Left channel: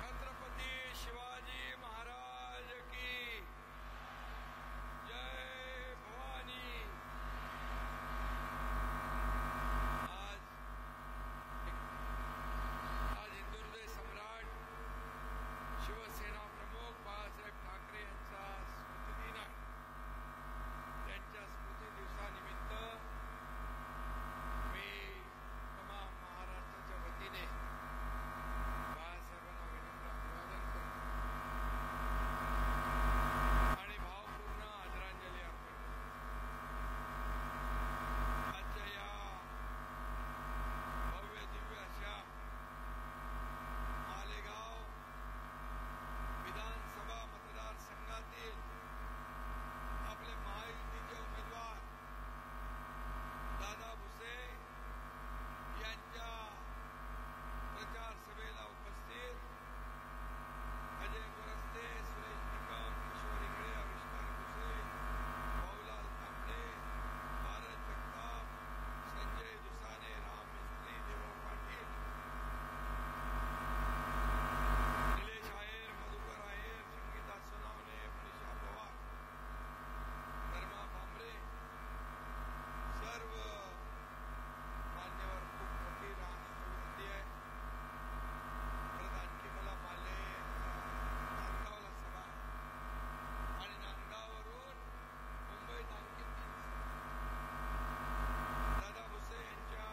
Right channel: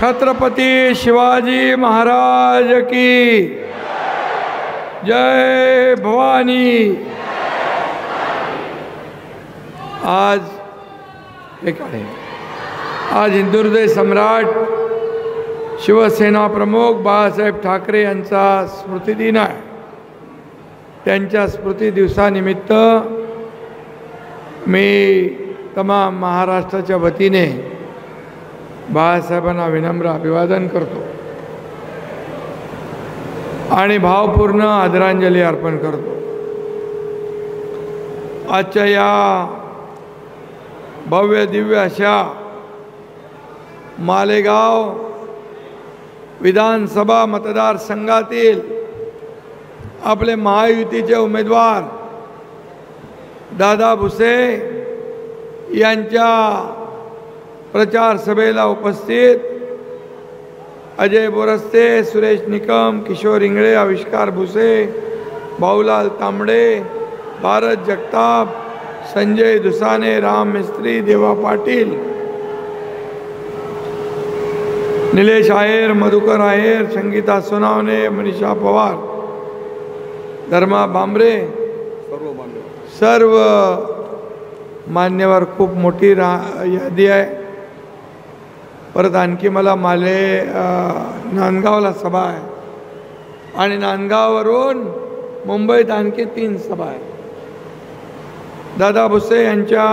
छत्रपती शिवाजी महाराज की जय भवानी। आज हिंदुहृदय सम्राट शिवसेना प्रमुख बाळासाहेब ठाकरे यांचा स्मृतिदिन आहे। त्यांच्या स्मृती दिवसानिमित्त मी तमाम महाराष्ट्राच्या वतीने बाळासाहेबांना विनम्र अभिवादन करतो आणि भावपूर्ण आदरांजली अर्पण करतो। आजच्या या भव्य दिव्य अशा मालेगाव विधानसभा मतदारसंघातील आपले महायुतीचे उमेदवार दादा भुसे यांच्या प्रचार सभेला उपस्थित अजय बोरस्ते, सुरेश निकम, किशोर इंगळे, आविष्कार भुसे, भाऊलाल तांबडे, भारत जगताप, संजय दुसाने, राम मिस्त्री, देवा पाटील, निलेश आहेर, मधुकर आहेर, संगीता सोनावणे, मनीषा पवार, धर्मा बांबरे, सर्व मान्यवर, खूप मोठी यादी आहे। परत आणखी मला नांदगावला सभा आहे आणि नांदगाववरून मुंबईत आणखी 3 सभा आहे। दादा भुसे यांच्या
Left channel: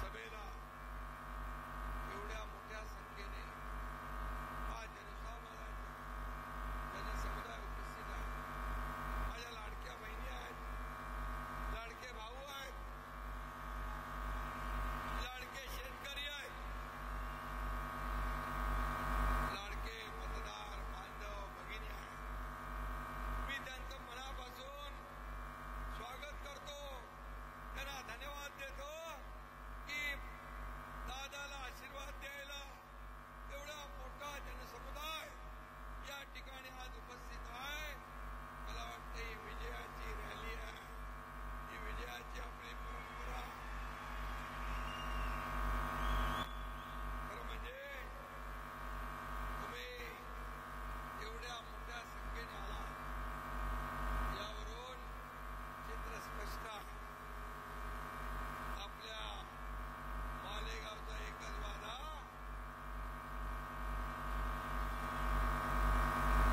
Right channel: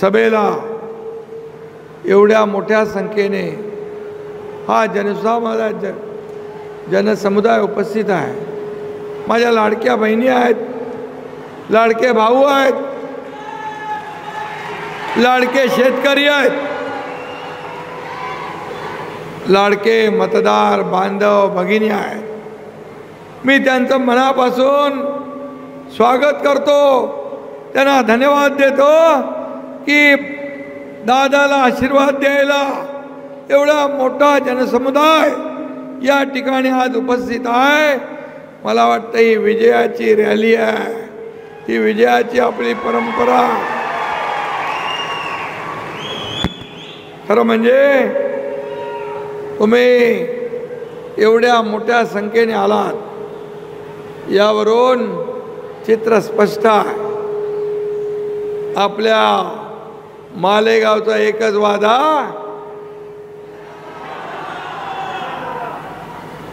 सभेला एवढ्या मोठ्या संख्येने हा जनसमुदाय उपस्थित आहे। माझ्या लाडक्या बहिणी आहेत, लाडके भाऊ आहेत, लाडके शेतकरी आहेत, लाडके मतदार बांधव भगिनी आहेत। मी त्यांचं मनापासून स्वागत करतो, त्यांना धन्यवाद देतो की दादाला आशीर्वाद द्यायला एवढा मोठा जनसमुदाय या ठिकाणी आज उपस्थित आहे। मला वाटतं ही विजयाची रॅली आहे, ही विजयाची आपली परंपरा। खरं म्हणजे तुम्ही एवढ्या मोठ्या संख्येने आलात यावरून चित्र स्पष्ट आहे। आपल्या मालेगावचा एकच वादा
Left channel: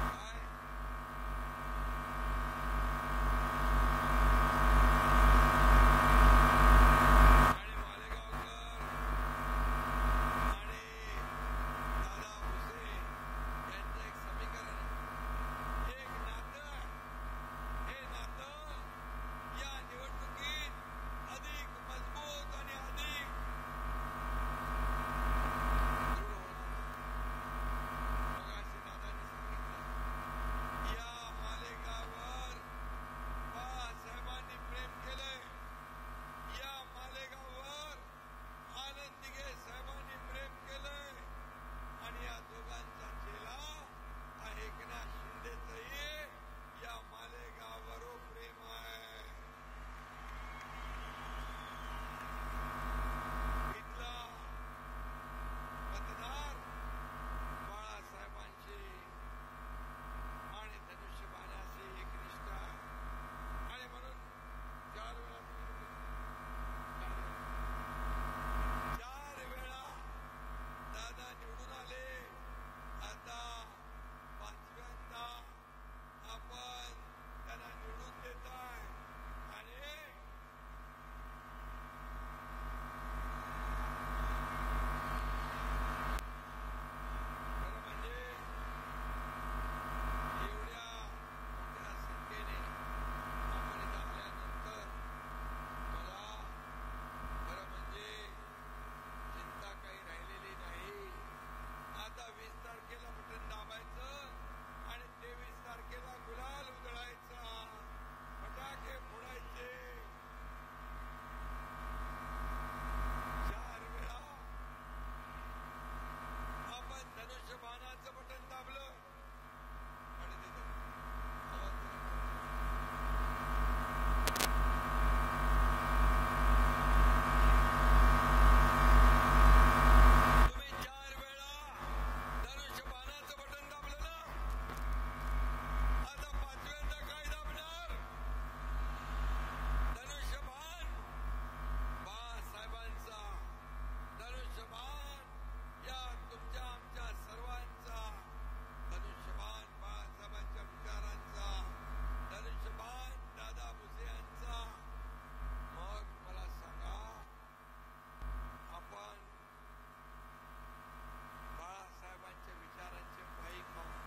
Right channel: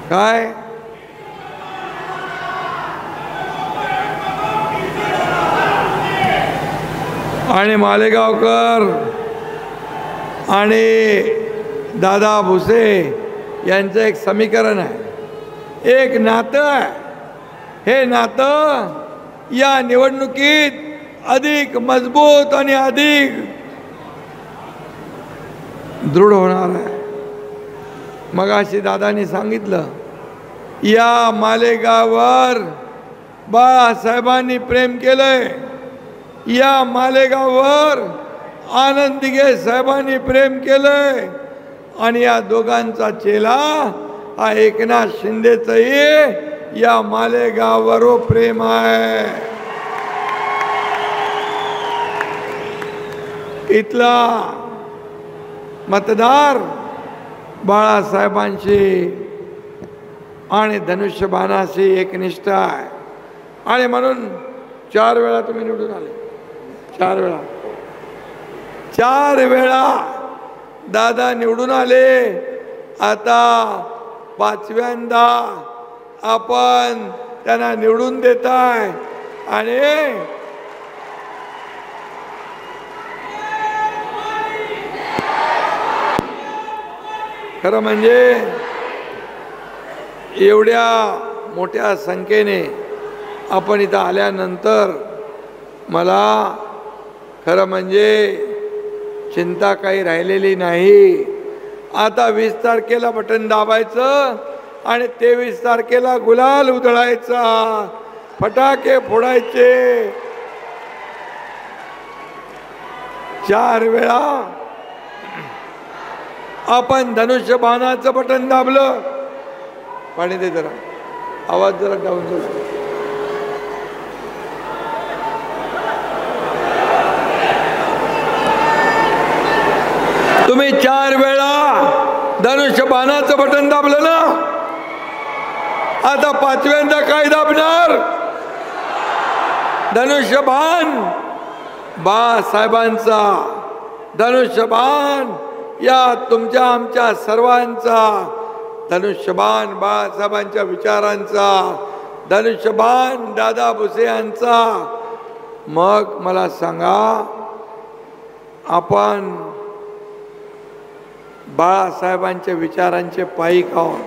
काय, आणि मालेगावकर आणि दादा भुसे यांचं एक समीकरण आहे, एक नातं आहे। हे नातं या निवडणुकीत अधिक मजबूत आणि अधिक दृढ होणार आहे। मगाशी दादांनी सांगितलं, या मालेगाववर बाळासाहेबांनी प्रेम केलंय, या मालेगाववर आनंद दिघे साहेबांनी प्रेम केलंय आणि या दोघांचा चेला हा एकनाथ शिंदेचंही या मालेगाववर प्रेम आहे। इथला मतदार बाळासाहेबांशी आणि धनुष्यबाणाशी एकनिष्ठ आहे आणि म्हणून 4 वेळा तुम्ही निवडून आले, 4 वेळा दादा निवडून आले। आता 5व्यांदा आपण त्यांना निवडून देताय आणि खरं म्हणजे एवढ्या मोठ्या संख्येने आपण इथं आल्यानंतर मला खरं म्हणजे चिंता काही राहिलेली नाही। आता 20 तारखेला बटन दाबायचं आणि 23 तारखेला गुलाल उधळायचा, फटाके फोडायचे। 4 वेळा आपण धनुष्यबाणाचं बटन दाबलं, पाणी दे जरा, आवाज जरा डाऊन झाला। तुम्ही 4 वेळा धनुष्यबाणाचं बटन दाबलं ना, आता पाचव्यांदा काय दाबणार? धनुष्यबाण बाळासाहेबांचा, धनुष्यबाण या तुमच्या आमच्या सर्वांचा, धनुष्यबाण बाळासाहेबांच्या विचारांचा, धनुष्यबाण दादा भुसे यांचा. मग मला सांगा, आपण बाळासाहेबांच्या विचारांचे पायीक आहोत.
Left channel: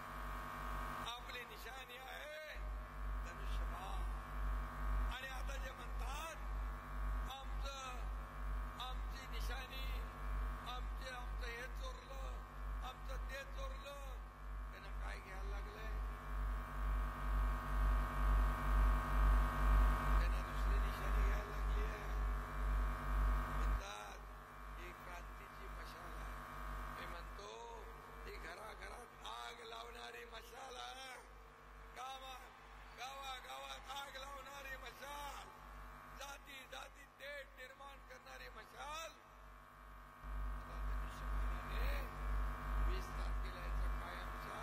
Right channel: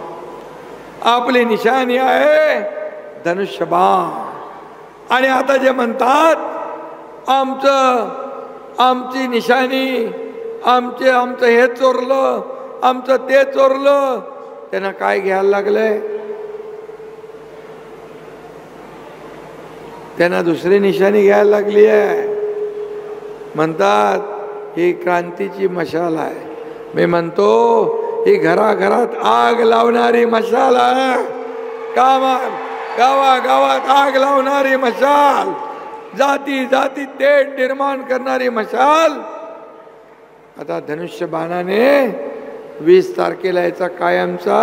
आपली निशाणी आहे धनुष्यबाण. आणि आता जे म्हणतात आमची निशाणी, आमचं हे चोरलं, आमचं ते चोरलं, त्यांना काय घ्यायला लागलंय? त्यांना दुसरी निशाणी घ्यायला लागली आहे. म्हणतात ही क्रांतीची मशाल आहे. मी म्हणतो ही घराघरात आग लावणारी मशाल आहे. गावागावात आग लावणारी मशाल, जाती जाती तेढ निर्माण करणारी मशाल. आता धनुष्यबाणाने 20 तारखेला याचा कायमचा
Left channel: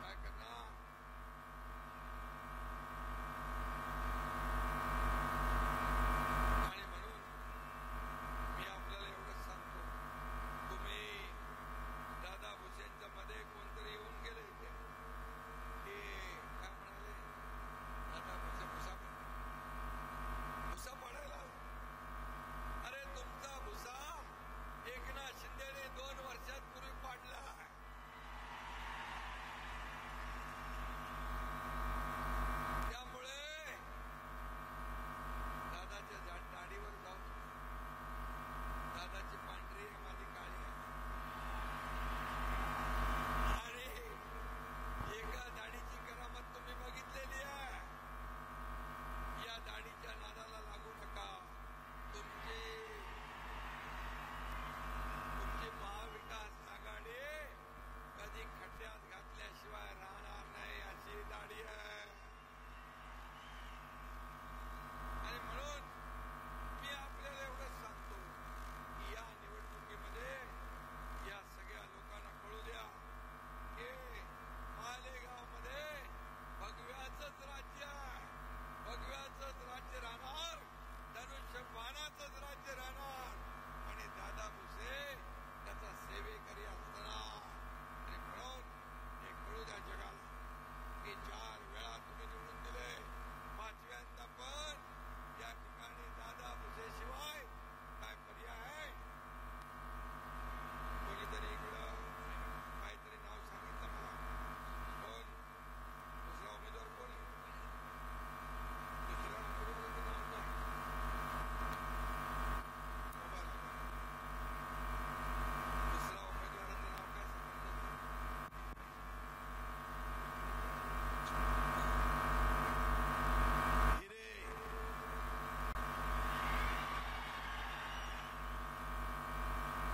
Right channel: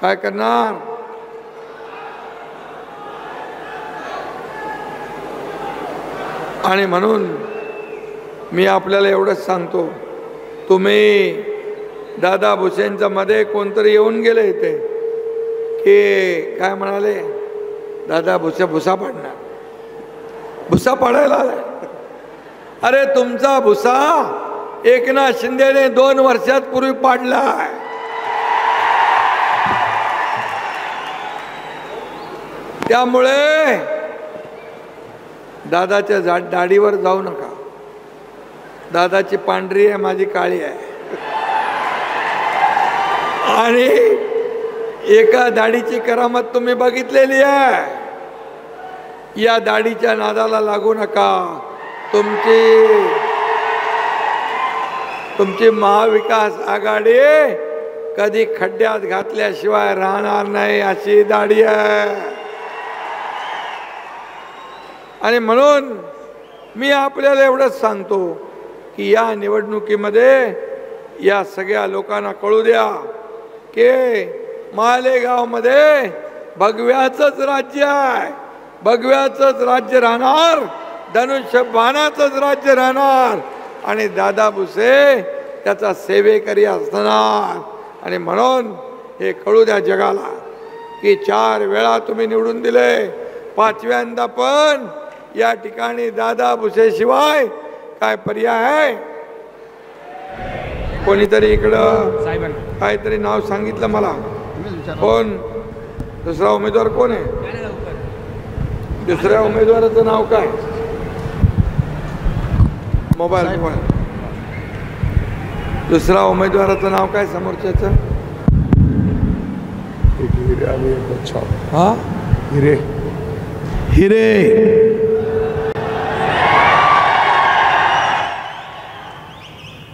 काय करणार? आणि म्हणून मी आपल्याला एवढंच सांगतो, तुम्ही दादा भुसेंच्या मध्ये कोणतरी येऊन गेले इथे की काय म्हणाले, दादा भुसा पाडणार, भुसा पाडायला आलाय. अरे तुमचा भुसा एकनाथ शिंदेने 2 वर्षात पूर्वी पाडलाय. त्यामुळे दादाच्या दाढीवर जाऊ नका. दादाची पांढरी आहे, माझी काळी आहे. आणि एका दाढीची करामत तुम्ही बघितलेली आहे. या दाढीच्या नादाला लागू नका. तुमची महाविकास आघाडी कधी खड्ड्यात घातल्याशिवाय राहणार नाही, अशी दाढी आहे. आणि म्हणून मी आपल्याला एवढंच सांगतो की या निवडणुकीमध्ये या सगळ्या लोकांना कळू द्या की मालेगावमध्ये भगव्याचंच राज्य आहे, भगव्याचंच राज्य राहणार, धनुष्यबाणाचंच राज्य राहणार. आणि दादा भुसे त्याचा सेवेकरी असणार. आणि म्हणून हे कळू द्या जगाला की 4 वेळा तुम्ही निवडून दिले, 5व्यांदा पण या ठिकाणी दादा भुसे शिवाय काय पर्याय आहे? कोणीतरी इकडं काहीतरी नाव सांगितलं मला. कोण दुसरा उमेदवार कोण आहे? दुसऱ्या उमेदवाराचं नाव काय? मोबाईल. दुसरा उमेदवाराचं नाव काय समोरच्याचं? हा, हिरे.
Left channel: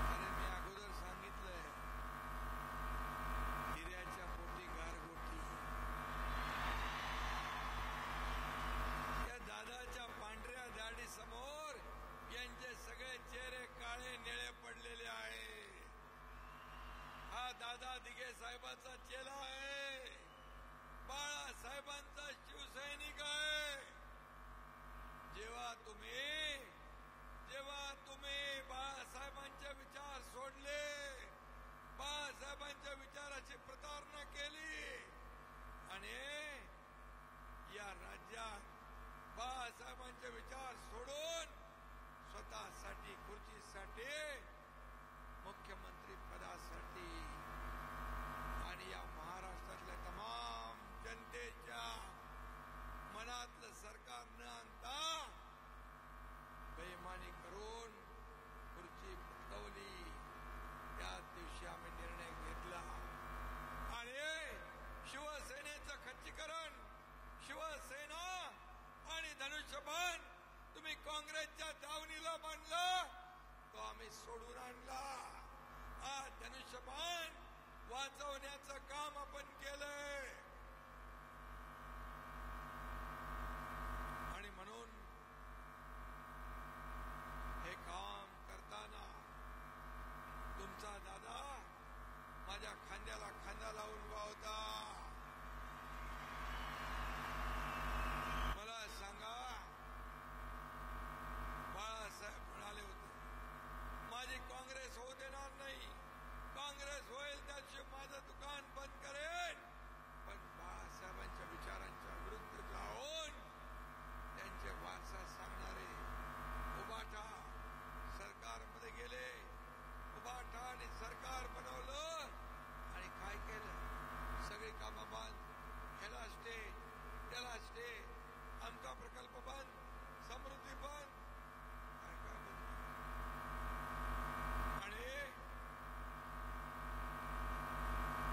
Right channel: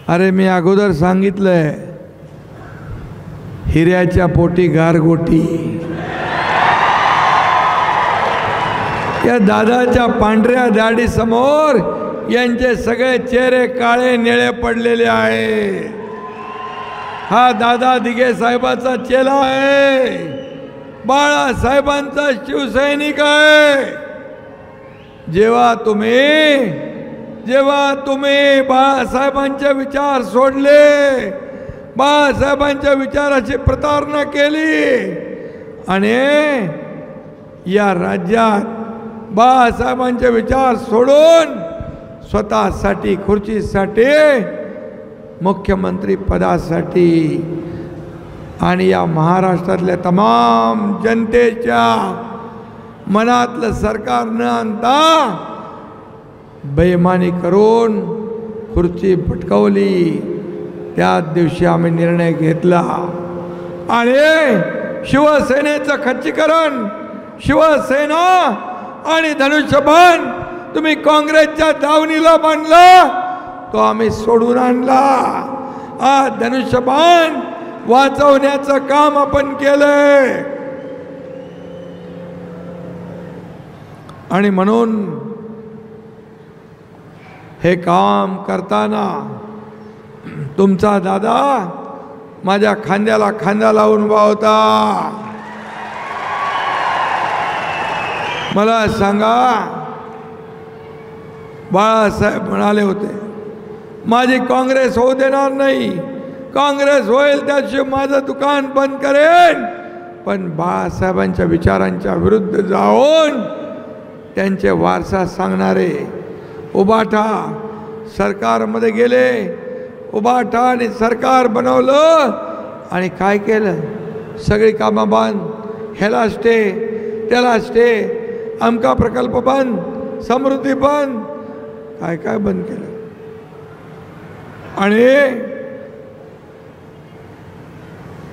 अरे मी अगोदर सांगितलंय, हिऱ्याच्या पोटी गारगोटी. या दादाच्या पांढऱ्या दाढी समोर यांचे सगळे चेहरे काळे निळे पडलेले आहे. हा दादा दिघे साहेबाचा चेला आहे, बाळासाहेबांचा शिवसैनिक आहे. जेव्हा तुम्ही बाळासाहेबांचे विचार सोडले, बाळासाहेबांच्या विचाराची प्रतारणा केली आणि या राज्यात बाळासाहेबांचे विचार सोडून स्वतःसाठी, खुर्चीसाठी, मुख्यमंत्री पदासाठी आणि या महाराष्ट्रातल्या तमाम जनतेच्या मनातलं सरकार न आणता बेईमानी करून खुर्ची पटकावली. त्याच दिवशी आम्ही निर्णय घेतला आणि शिवसेनेचं खच्चीकरण, शिवसेना आणि धनुष्यबाण तुम्ही काँग्रेसच्या दावणीला बांधला, तो आम्ही सोडून आणला. आज धनुष्यबाण वाचवण्याचं काम आपण केलंय. आणि म्हणून हे काम करताना तुमचा दादा माझ्या खांद्याला खांदा लावून उभा होता. मला सांगा, बाळासाहेब म्हणाले होते माझी काँग्रेस होऊ देणार नाही, काँग्रेस होईल त्याशिवाय माझं दुकान बंद करेन. पण बाळासाहेबांच्या विचारांच्या विरुद्ध जाऊन त्यांचे वारसा सांगणारे उबाटा सरकारमध्ये गेले. उबाटा आणि सरकार बनवलं आणि काय केलं? सगळी कामं बंद, ह्याला स्टे त्याला स्टे, अमका प्रकल्प बंद, समृद्धी बंद, काय काय बंद केलं. आणि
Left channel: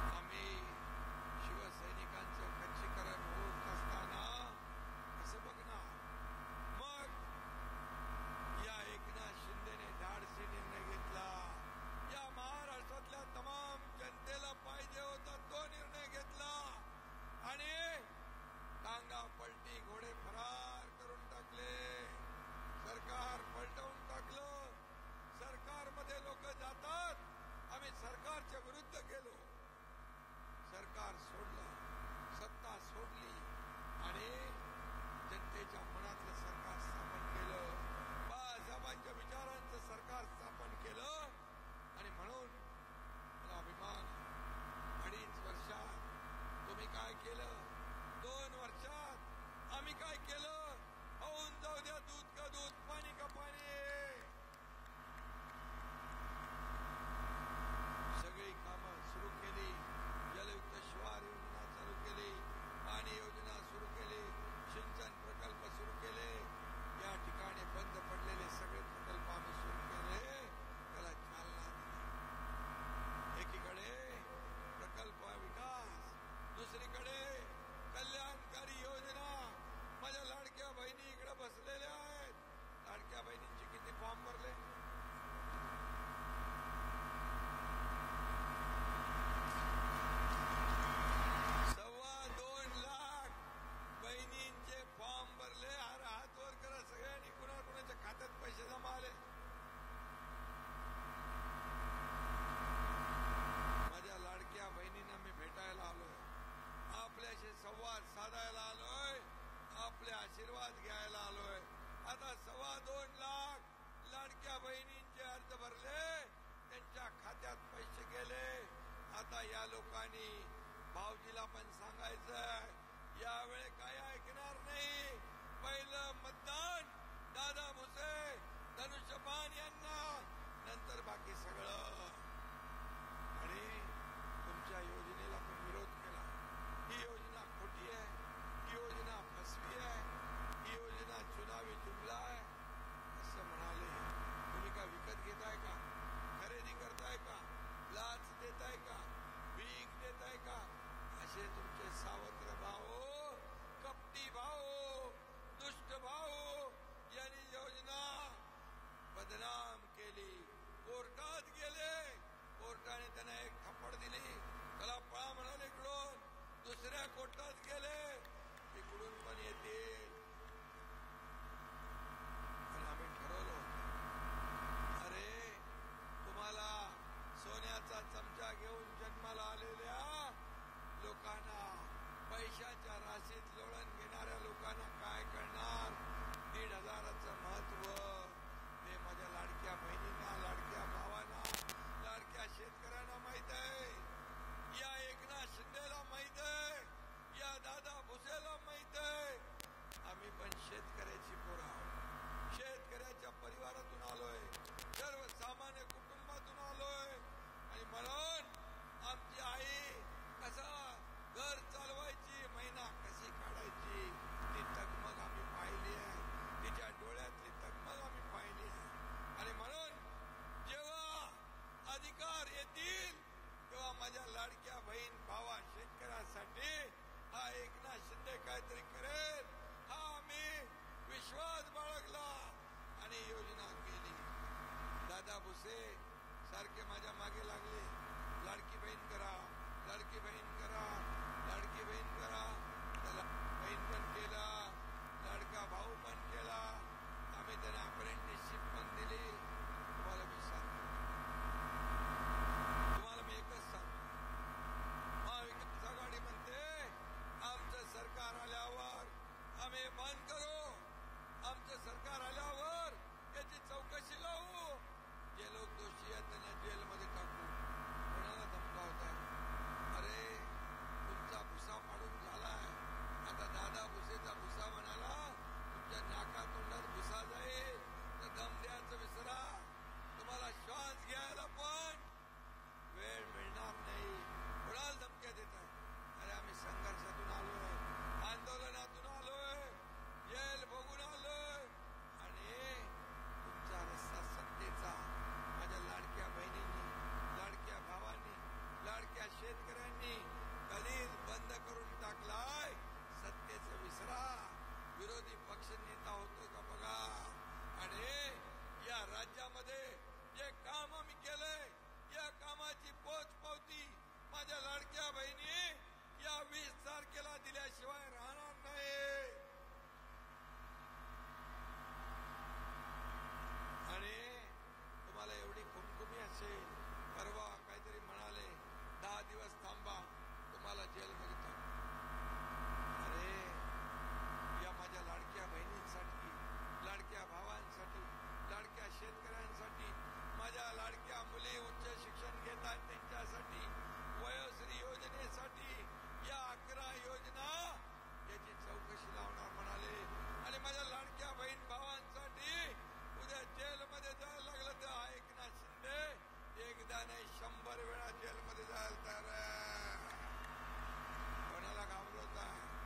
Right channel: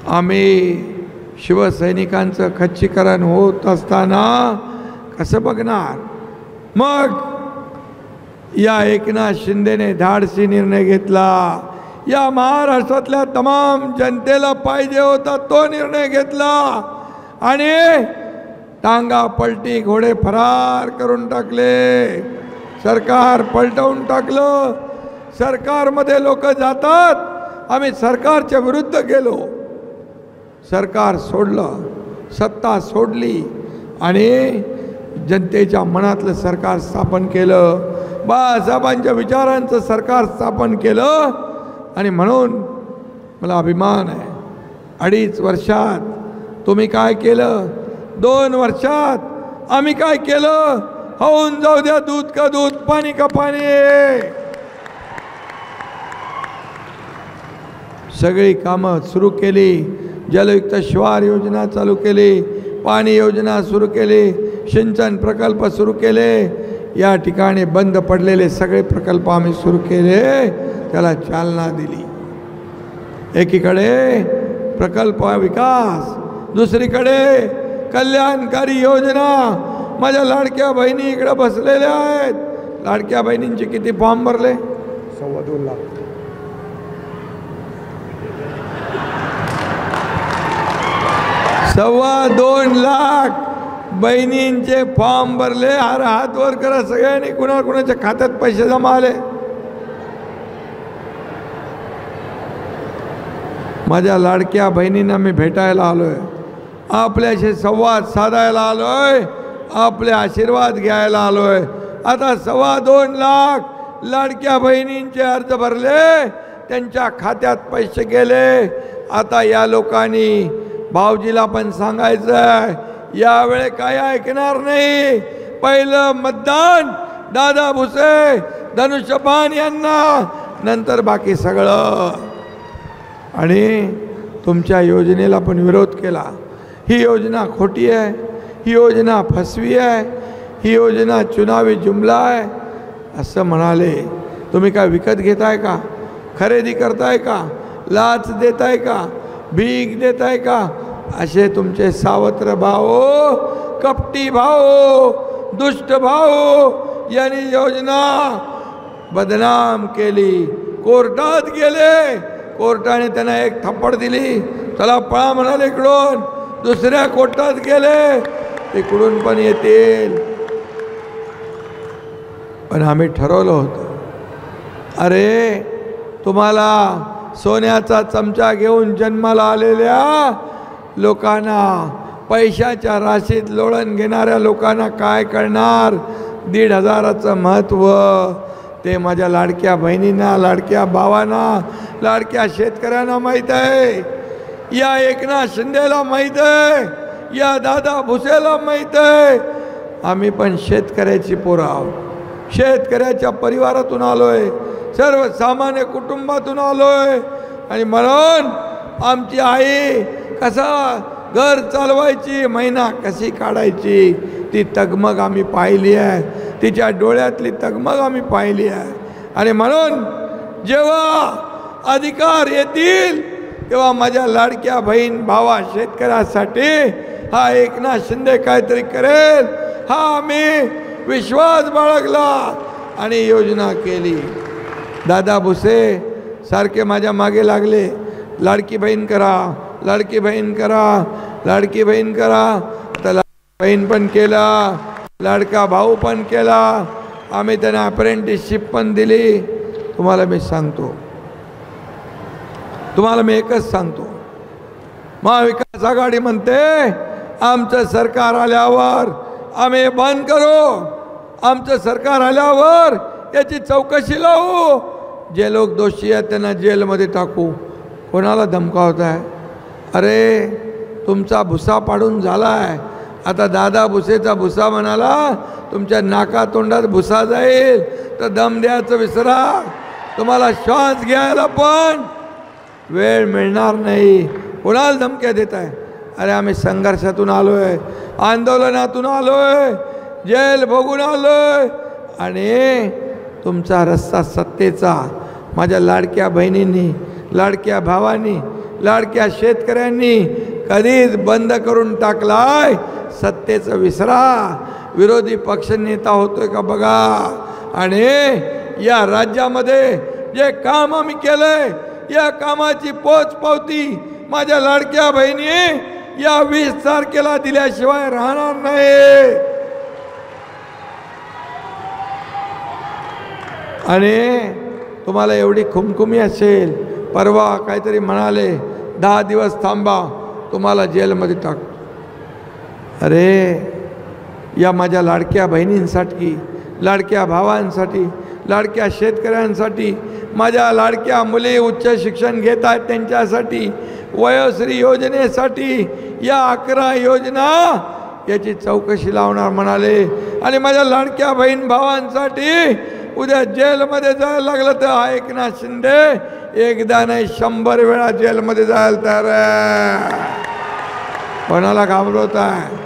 आम्ही शिवसैनिकांचं खच्चीकरण होत असताना कसं बघणार? मग या एकनाथ शिंदेने धाडसी निर्णय घेतला. या महाराष्ट्रातल्या तमाम जनतेला पाहिजे होता तो निर्णय घेतला आणि टांगा पलटी, घोडे फरार करून टाकले. सरकार पलटवून टाकलं. सरकारमध्ये लोक जातात, आम्ही सरकारच्या विरुद्ध गेलो, सरकार सोडलं, सत्ता सोडली आणि जनतेच्या मनातलं सरकार स्थापन केलं. बाळासाहेबांच्या विचारांचं सरकार स्थापन केलं. आणि म्हणून मला अभिमान आहे, 2.5 वर्षात तुम्ही काय केलं, 2 वर्षात आम्ही काय केलं? होऊन जाऊ द्या दूध का दूध, पाणी का पाणी. सगळी कामं सुरू केली. जलयुक्त शिवार योजना चालू केली, पाणी योजना सुरू केली, सिंचन प्रकल्प सुरू केले. या ठिकाणी बंद पडलेले सगळे प्रकल्प आम्ही सुरू केले, त्याला चालना दिली. एकीकडे प्रकल्प विकास, दुसरीकडे कल्याणकारी योजना. माझ्या लाडक्या बहिणी इकडे बसलेल्या आहेत. लाडक्या बहिणींचे किती फॉर्म भरले? 2.25 लाख. $2.25 लाख बहिणींचे फॉर्म भरले. हात वर करा सगळ्यांनी, कुणाच्या खात्यात पैसे जमा आले? माझ्या लाडक्या बहिणींना मी भेटायला आलोय, आपल्याशी संवाद साधायला आलोय, आपले आशीर्वाद घ्यायला आलोय. आता 2.25 लाख लाडक्या बहिणींचे अर्ज भरले, त्यांच्या खात्यात पैसे गेले. आता या लोकांनी भाऊजीला पण सांगायचं, यावेळे काय ऐकणार नाही. पहिलं मतदान दादा भुसे, धनुष्यबाण यांना, नंतर बाकी सगळं. आणि तुमच्या योजनेला पण विरोध केला. ही योजना खोटी आहे, ही योजना फसवी आहे, ही योजना चुनावी जुमला आहे असं म्हणाले. तुम्ही काय विकत घेताय का? खरेदी करताय का? लाच देताय का? भीक देताय का? असे तुमचे सावत्र भाऊ, कपटी भाऊ, दुष्ट भाऊ यांनी योजना बदनाम केली. कोर्टात गेले, कोर्टाने त्यांना एक थप्पड दिली, चला पळा म्हणाले इकडून. दुसऱ्या कोर्टात गेले, तिकडून पण येतील. पण आम्ही ठरवलं होतं, अरे तुम्हाला सोन्याचा चमचा घेऊन जन्माला आलेल्या लोकांना, पैशाच्या राशीत लोळण घेणाऱ्या लोकांना काय कळणार? 1,500चं महत्त्व ते माझ्या लाडक्या बहिणींना, लाडक्या भावांना, लाडक्या शेतकऱ्यांना माहीत आहे. या एकनाथ शिंदेला माहीत आहे, या दादा भुसेला माहीत आहे. आम्ही पण शेतकऱ्याची पोरं आहोत, शेतकऱ्याच्या परिवारातून आलोय, सर्वसामान्य कुटुंबातून आलोय. आणि म्हणून आमची आई कसा घर चालवायची, महिना कशी काढायची, ती तगमग आम्ही पाहिली आहे. तिच्या डोळ्यातली तगमग आम्ही पाहिली आहे. आणि म्हणून जेव्हा अधिकार येतील तेव्हा माझ्या लाडक्या बहीण भावा शेतकऱ्यासाठी हा एकनाथ शिंदे काहीतरी करेल, हा आम्ही विश्वास बाळगला आणि योजना केली. दादा भुसे सारखे माझ्या मागे लागले, लाडकी बहीण करा, लाडकी बहीण करा, लाडकी बहीण करा. तर लाडकी बहीण पण केला, लाडका भाऊ पण केला. आम्ही त्यांना अप्रेंटिसशिप पण दिली. तुम्हाला मी सांगतो, तुम्हाला मी एकच सांगतो, महाविकास आघाडी म्हणते आमचं सरकार आल्यावर आम्ही बंद करू, आमचं सरकार आल्यावर याची चौकशी लावू, जे लोक दोषी आहेत त्यांना जेलमध्ये टाकू. कोणाला धमकावताय? अरे तुमचा भुसा पाडून झालाय, आता दादा भुसेचा भुसा म्हणाला तुमच्या नाका तोंडात भुसा जाईल तर दम द्यायचं विसरा. तुम्हाला श्वास घ्यायला पण वेळ मिळणार नाही. कोणाला धमक्या देत आहे? अरे आम्ही संघर्षातून आलोय, आंदोलनातून आलोय, जेल भोगून आलोय, आणि तुमचा रस्ता सत्तेचा माझ्या लाडक्या बहिणींनी, लाडक्या भावांनी, लाडक्या शेतकऱ्यांनी कधीच बंद करून टाकलाय. सत्तेचं विसरा. विरोधी पक्षनेता होतोय का बघा. आणि या राज्यामध्ये जे काम आम्ही केलंय, या कामाची पोचपावती माझ्या लाडक्या बहिणी या 20 तारखेला दिल्याशिवाय राहणार नाही. आणि तुम्हाला एवढी खुमखुमी असेल, परवा काहीतरी म्हणाले 10 दिवस थांबा तुम्हाला जेलमध्ये टाकतो. अरे या माझ्या लाडक्या बहिणींसाठी, लाडक्या भावांसाठी, लाडक्या शेतकऱ्यांसाठी, माझ्या लाडक्या मुली उच्च शिक्षण घेत आहेत त्यांच्यासाठी, वयोश्री योजनेसाठी, या 11 योजना याची चौकशी लावणार म्हणाले. आणि माझ्या लाडक्या बहीण भावांसाठी उद्या जेलमध्ये जायला लागलं तर एकनाथ शिंदे एकदा नाही 100 वेळा जेलमध्ये जायला तयार आहे. कोणाला घाबरवत आहे?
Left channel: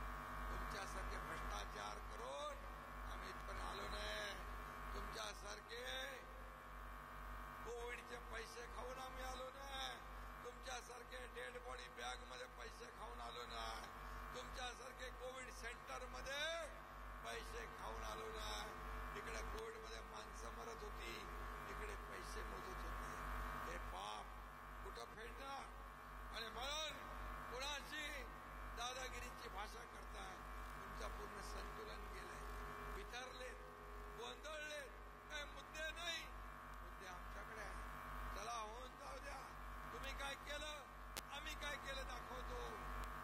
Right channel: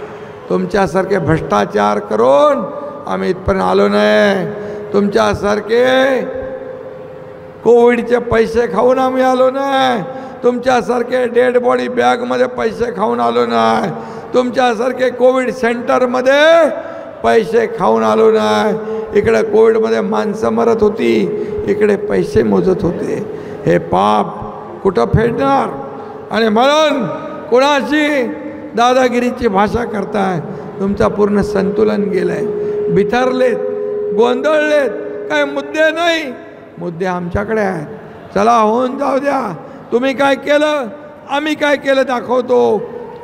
तुमच्यासारखे भ्रष्टाचार करून आम्ही इथपर्यंत आलो नाही. तुमच्यासारखे कोविडचे पैसे खाऊन आम्ही आलो नाही. तुमच्यासारखे डेड बॉडी बॅगमध्ये पैसे खाऊन आलो नाही. तुमच्यासारखे कोविड सेंटरमध्ये पैसे खाऊन आलो नाही. इकडे कोविडमध्ये माणसं मरत होती, इकडे पैसे मोजत होते. हे पाप कुठं फेडणार? आणि म्हणून कोणाशी दादागिरीची भाषा करताय? तुमचा पूर्ण संतुलन गेलंय. बिथरलेत, गोंधळलेत. काय मुद्दे नाही, मुद्दे आमच्याकडे आहेत. चला होऊन जाऊ द्या. तुम्ही काय केलं, आम्ही काय केलं दाखवतो.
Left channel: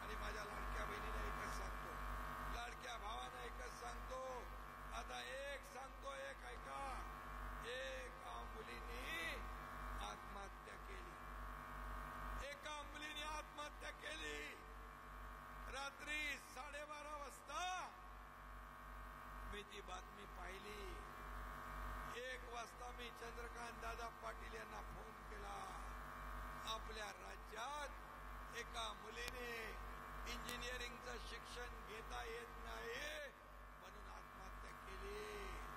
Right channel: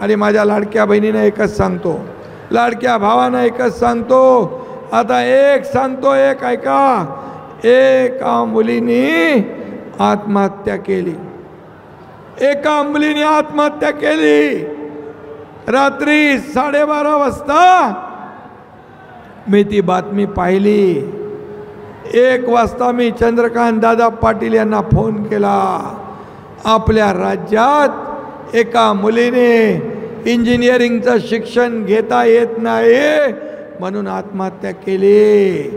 आणि माझ्या लाडक्या बहिणीने एकच सांगतो, लाडक्या भावानं एकच सांगतो, आता एक सांगतो, एक ऐका. एका मुलीने आत्महत्या केली, एका मुलीने आत्महत्या केली. रात्री 12:30 वाजता मी ती बातमी पाहिली. 1 वाजता मी चंद्रकांत दादा पाटील यांना फोन केला. आपल्या राज्यात एका मुलीने इंजिनिअरिंगचं शिक्षण घेता येत नाही म्हणून आत्महत्या केली.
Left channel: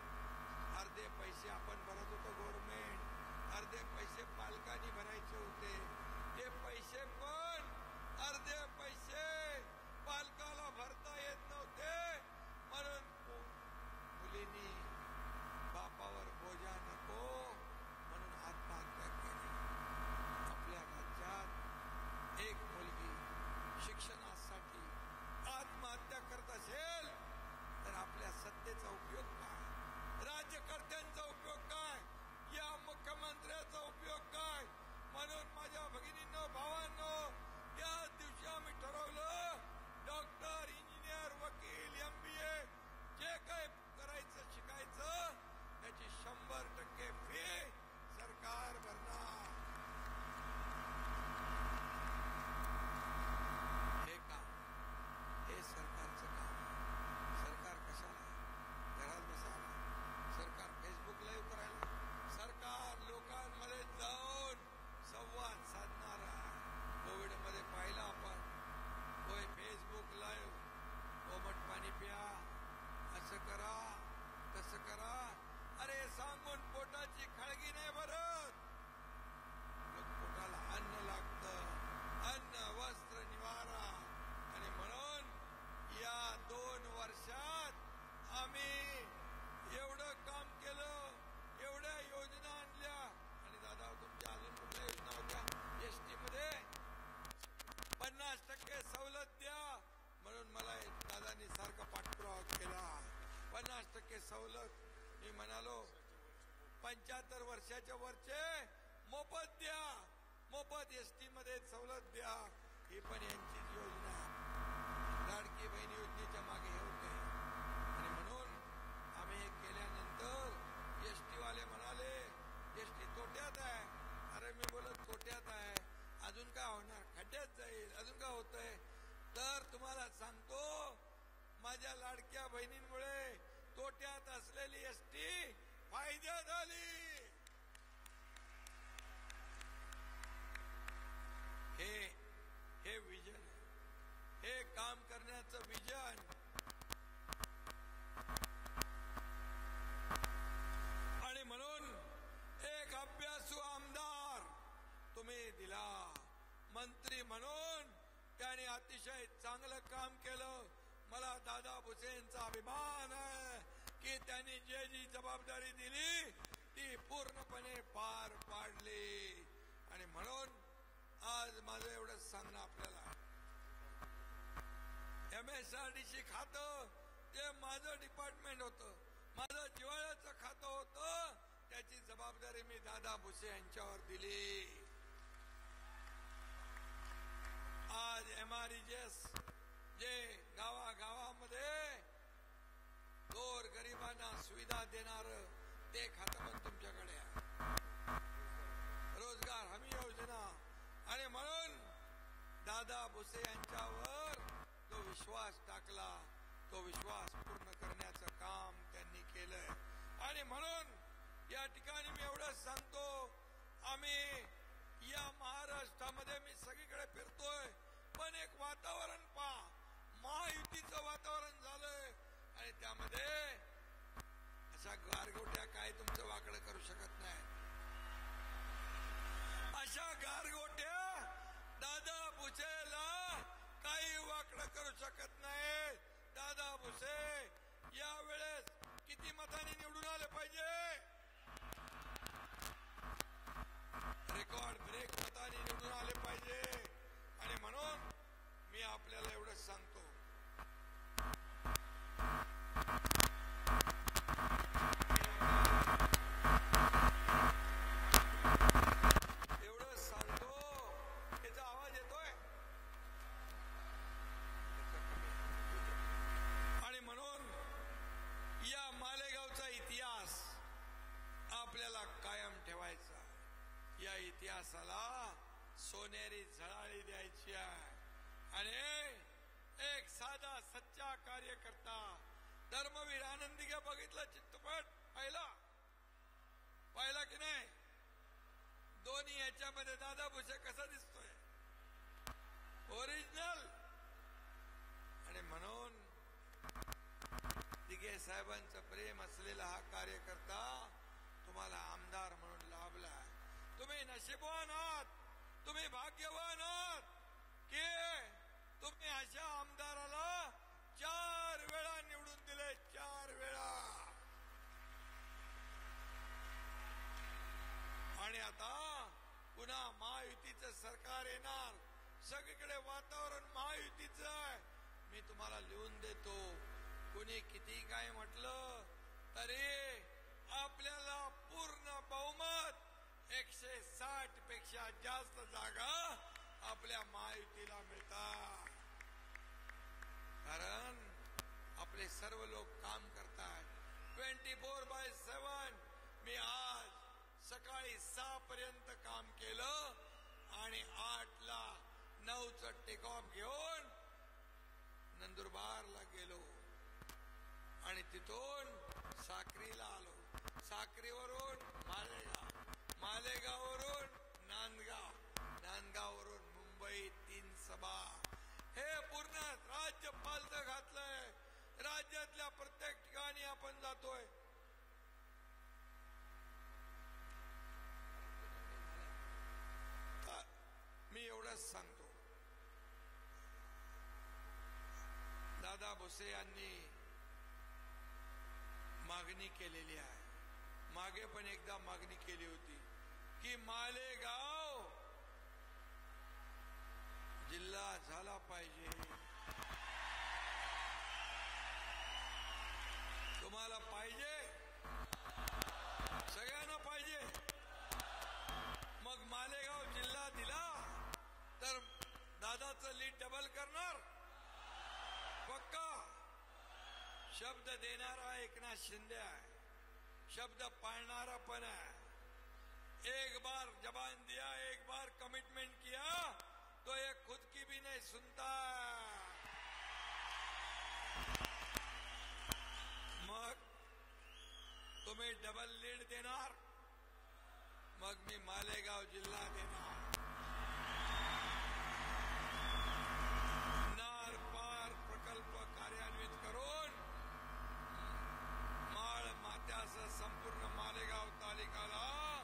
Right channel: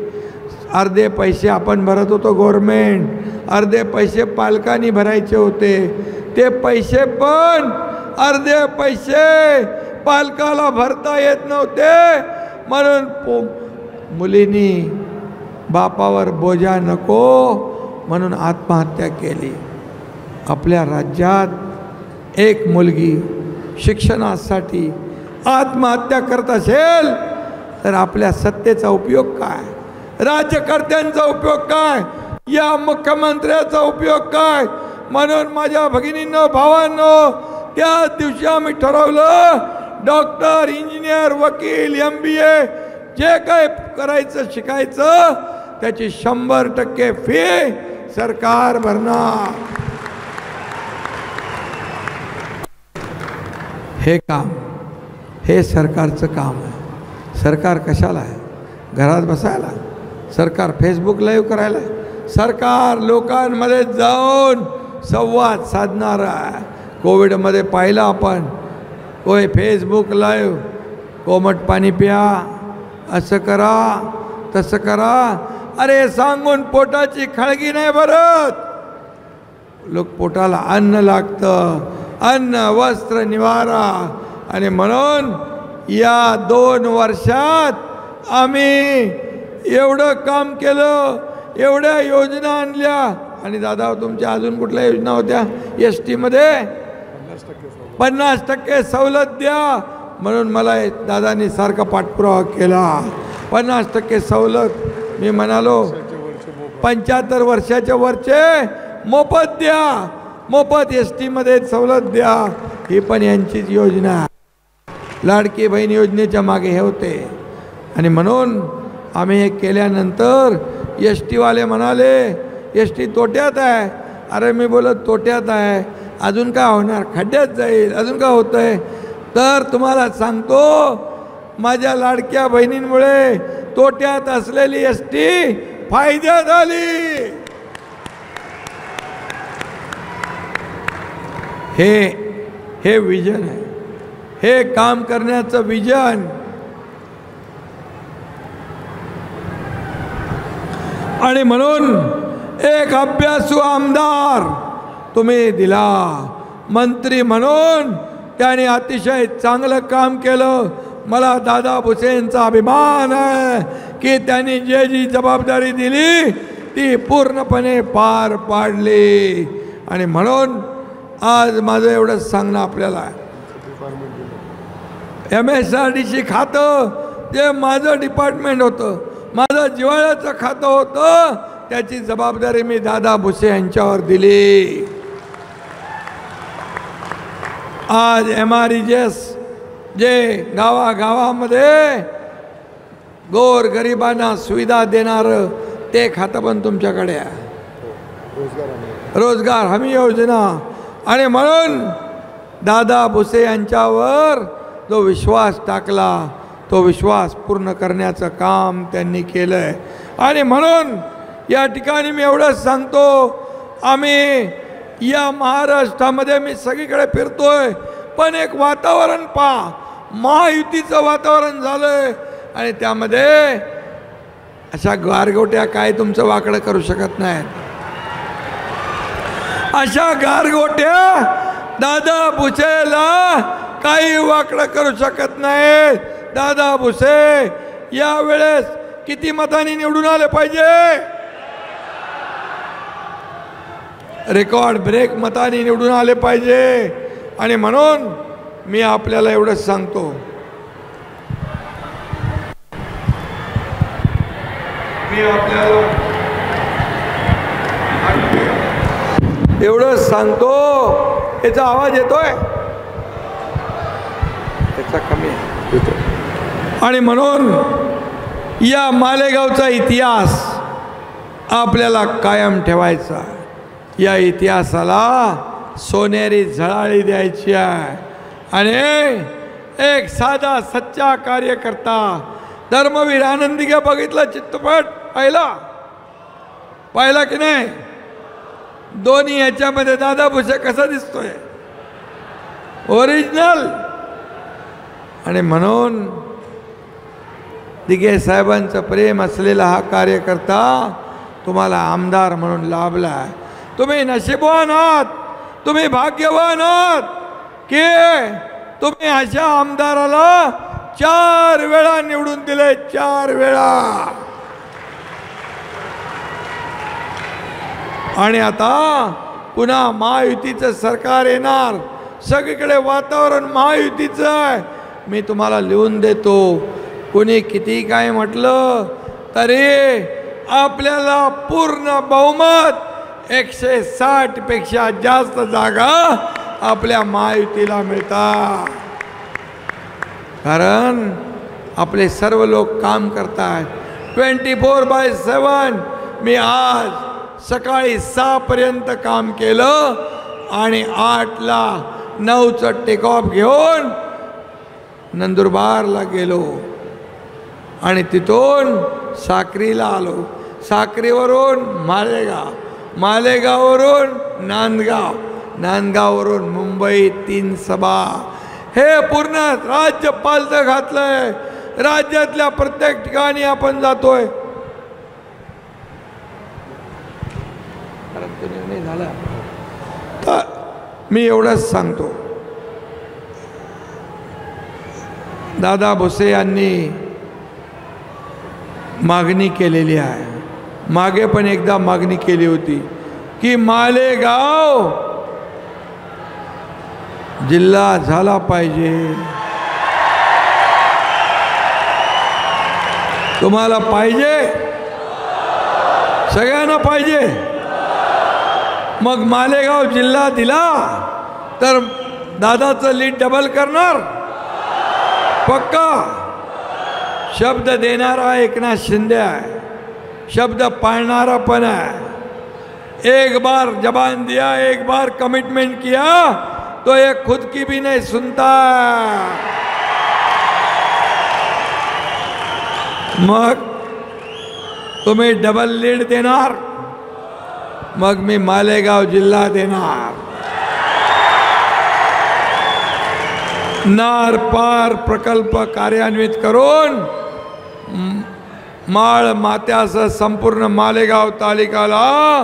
अर्धे पैसे आपण भरत होतो गव्हर्नमेंट, अर्धे पैसे पालकांनी भरायचे होते. ते पैसे पण अर्धे पैसे पालकाला भरता येत नव्हते म्हणून मुलींनी बापावर बोजा नको म्हणून आत्महत्या केली. आपल्या राज्यात एक मुलगी शिक्षणासाठी आत्महत्या करत असेल तर आपल्या सत्तेचा उपयोग काय? राज्यकर्त्यांचा उपयोग काय? या मुख्यमंत्र्याचा उपयोग काय? म्हणून माझ्या भगिनींनो, भावांनो, त्या दिवशी आम्ही ठरवलं डॉक्टर, इंजिनियर, वकील, MBA जे काय करायचं शिकायचं त्याची 100% फी सरकार भरणार. हे काम, हे सरकारचं काम आहे. सरकार कशाला आहे? घरात बसायला? सरकार फेसबुक लाईव्ह करायला? सरकार लोकांमध्ये जाऊन संवाद साधणार आहे. कोविडमध्ये पाहिलं आपण, कोय फेसबुक लाईव्ह, कोमट पाणी प्या, असं करा, तसं करा. अरे सांगून पोटाची खळगी नाही भरत. लोक पोटाला अन्न लागतं, अन्न, वस्त्र, निवारा. आणि म्हणून या 2 वर्षात आम्ही एवढं काम केलं, एवढ्या योजना आणल्या. आणि दादा तुमच्या अजून कुठल्या योजना होत्या? ST मध्ये 50% सवलत द्या म्हणून मला दादांनी सारखा पाठपुरावा केला. 50% सवलत. मी म्हणालो 75 वर्षाच्या वरचे मोफत द्या. मोफत ST मध्ये सवलत द्या, ही पण यांचीच योजना आहे. लाडकी बहीण योजनेच्या मागे हे होते. आणि म्हणून आम्ही हे केल्यानंतर ST वाले म्हणाले ST तोट्यात आहे. अरे मी बोलत तोट्यात आहे, अजून काय होणार, खड्ड्यात जाईल, अजून काय होतंय. तर तुम्हाला सांगतो, माझ्या लाडक्या बहिणींमुळे तोट्यात असलेली ST फायद्यात आली. हे विजन आहे, हे काम करण्याचं विजन. आणि म्हणून एक अभ्यासू आमदार तुम्ही दिला, मंत्री म्हणून त्याने अतिशय चांगलं काम केलं. मला दादा भुसेंचा अभिमान आहे की त्यांनी जी जबाबदारी दिली ती पूर्णपणे पार पाडली. आणि म्हणून आज माझं एवढंच सांगणं आपल्याला, MSRDC खातं जे माझं डिपार्टमेंट होतं, माझं जिव्हाळ्याचं खातं होतं, त्याची जबाबदारी मी दादा भुसे यांच्यावर दिली. आज MREGS जे गावागावामध्ये गोरगरिबांना सुविधा देणारं ते खातं पण तुमच्याकडे आहे, रोजगार हमी योजना. आणि म्हणून दादा भुसे यांच्यावर जो विश्वास टाकला तो विश्वास पूर्ण करण्याचं काम त्यांनी केलंय. आणि म्हणून या ठिकाणी मी एवढंच सांगतो, आम्ही या महाराष्ट्रामध्ये मी सगळीकडे फिरतोय, पण एक वातावरण पहा, महायुतीचं वातावरण झालंय. आणि त्यामध्ये अशा गारगोट्या काय तुमचं वाकडं करू शकत नाहीत. अशा गारगोट्या दादा भुसेला काही वाकडं करू शकत नाहीत. दादा भुसे यावेळेस किती मतांनी निवडून आले पाहिजे? रेकॉर्ड ब्रेक मतांनी निवडून आले पाहिजे. आणि म्हणून मी आपल्याला एवढंच सांगतो, मी आपल्याला एवढंच सांगतो, याचा आवाज येतोय, त्याचा कमी आहे. आणि म्हणून या मालेगावचा इतिहास आपल्याला कायम ठेवायचा. या इतिहासाला सोनेरी झळाळी द्यायची आहे. आणि एक साधा सच्चा कार्यकर्ता, धर्मवीर आनंदीगे बघितला चित्रपट, पाहिला की नाही? दोन्ही याच्यामध्ये दादा भुसे कसा दिसतोय, ओरिजिनल. आणि म्हणून दिघे साहेबांचं प्रेम असलेला हा कार्यकर्ता तुम्हाला आमदार म्हणून लाभला. तुम्ही नशीबवान आहात, तुम्ही भाग्यवान आहात की तुम्ही अशा आमदाराला 4 वेळा निवडून दिले, 4 वेळा. आणि आता पुन्हा महायुतीचं सरकार येणार, सगळीकडे वातावरण महायुतीचं आहे. मी तुम्हाला लिहून देतो, कोणी किती काय म्हटलं तरी आपल्याला पूर्ण बहुमत, 160 पेक्षा जास्त जागा आपल्या महायुतीला मिळतात. कारण आपले सर्व लोक काम करतात 24/7. मी आज सकाळी 6 पर्यंत काम केलं आणि 8ला 9चं टेक ऑफ घेऊन नंदुरबारला गेलो आणि तिथून साक्रीला आलो, साक्रीवरून मालेगाव, मालेगाववरून नांदगाव, नांदगाववरून मुंबई 3 सभा. हे पूर्ण राज्य पालथं घातलंय. राज्यातल्या प्रत्येक ठिकाणी आपण जातोय. निर्णय झाला तर मी एवढंच सांगतो, दादा भुसे यांनी मागणी केलेली आहे. मागे पण एकदा मागणी केली होती की मालेगाव जिल्हा झाला पाहिजे. तुम्हाला पाहिजे, सगळ्यांना पाहिजे. मग मालेगाव जिल्हा दिला तर दादाचं लीड डबल करणार पक्का. शब्द देणारा एकनाथ शिंदे आहे, शब्द पाळणारा पण आहे. एक बार जबान दिया, एक बार कमिटमेंट किया तो ये खुद की भी नहीं सुनता. मग तुम्ही डबल लीड देणार, मग मी मालेगाव जिल्हा देणार. नार पार प्रकल्प कार्यान्वित करून माळ मात्यासह संपूर्ण मालेगाव तालुक्याला